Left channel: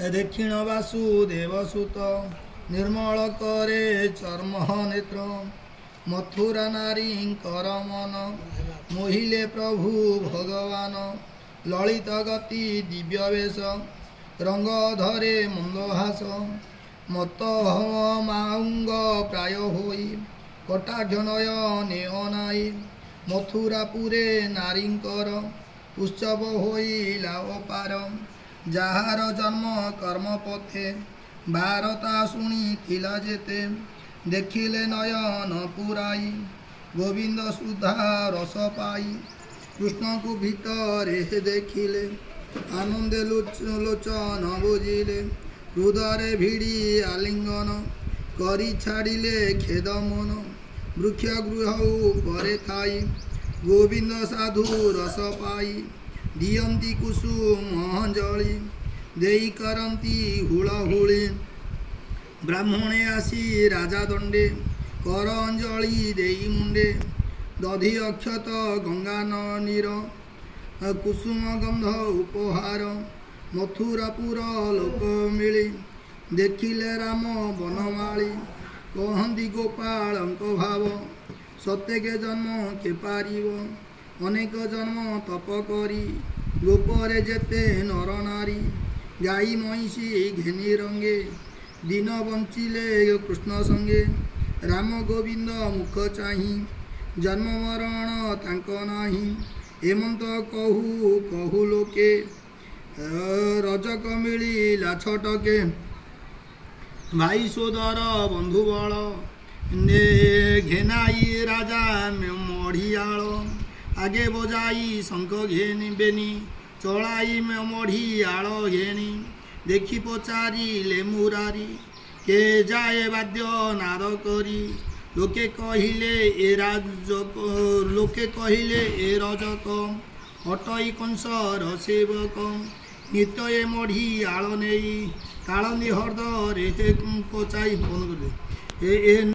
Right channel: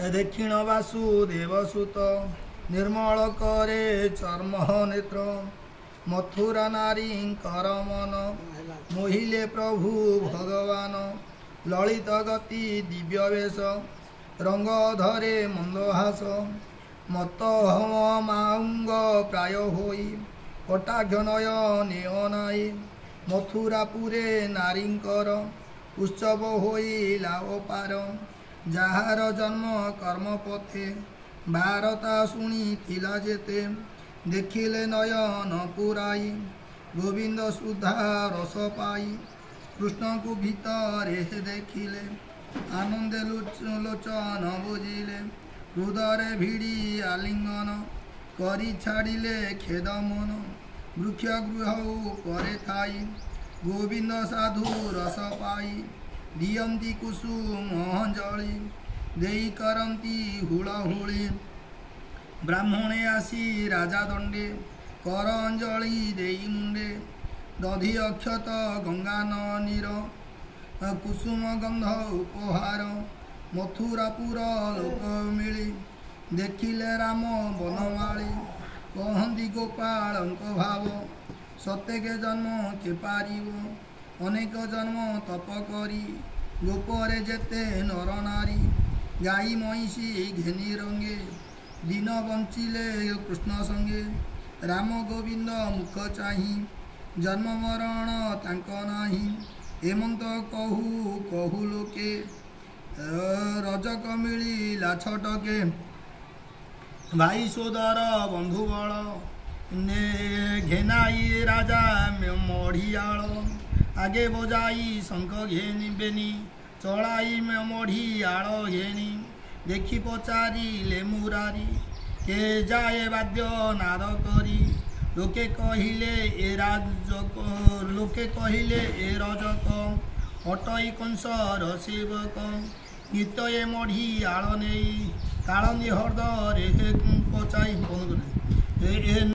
दक्षिण वासुदेवसुत निर्मल करे चर्म नेत्र मथुरा नारी मन मोहिले प्रभु भगवान ललित गति दिव्य वेश रंग धरे मंदहास मत हम माउंग प्राय होई कटाघनय नेहनाई मथुरापुरे नारींकर उत्सव होई लाभ पार जार जन्म कर्म पथे भारता शुणी थिला जेते देखिले नयन पुराई गोविंद सुधा रस पाई कृष्ण को भीतर देखिले आनंदे लोचन बुझिले हृदय भिड़ी आलिंगन करी छाड़िले खेद मन वृक्ष गृह परे थाई गोविंद साधु रस पाई दियंती कुसुम अंजलि देई करंती हुड़हुड़ी ब्राह्मणे आसी राजा दंडे कर अंजलि देई मुंडे दधि अक्षत गंगा नीर कुसुम गंध उपहार मथुरापुर लोक मिली देखिले राम बनमाली कहती गोपाल भाव सत्यके जन्म के पारिव अनेक जन्म तप करी गोपरे जेते नर नारी गाई महिषी घेनी रंगे दिन बंचिले कृष्ण संगे राम गोविंद मुख चाही जन्म मरण तांक नाही हेमंत कहू कहू लोके रजक मिलिला छटके भाई सोदर बंधु बल घेनाई राजा मढ़ियाल आगे बजाई शंख घेनी चलाई मढ़ियाल घेनी देखी पचारि ले मुरारी के जाए वाद्य नाद करी लोके कहिले ए राजक लोके कहिले ए रजक हटई कंसर सेवक नित्य मढ़ियाल नहीं काल निहर्द रे पचाई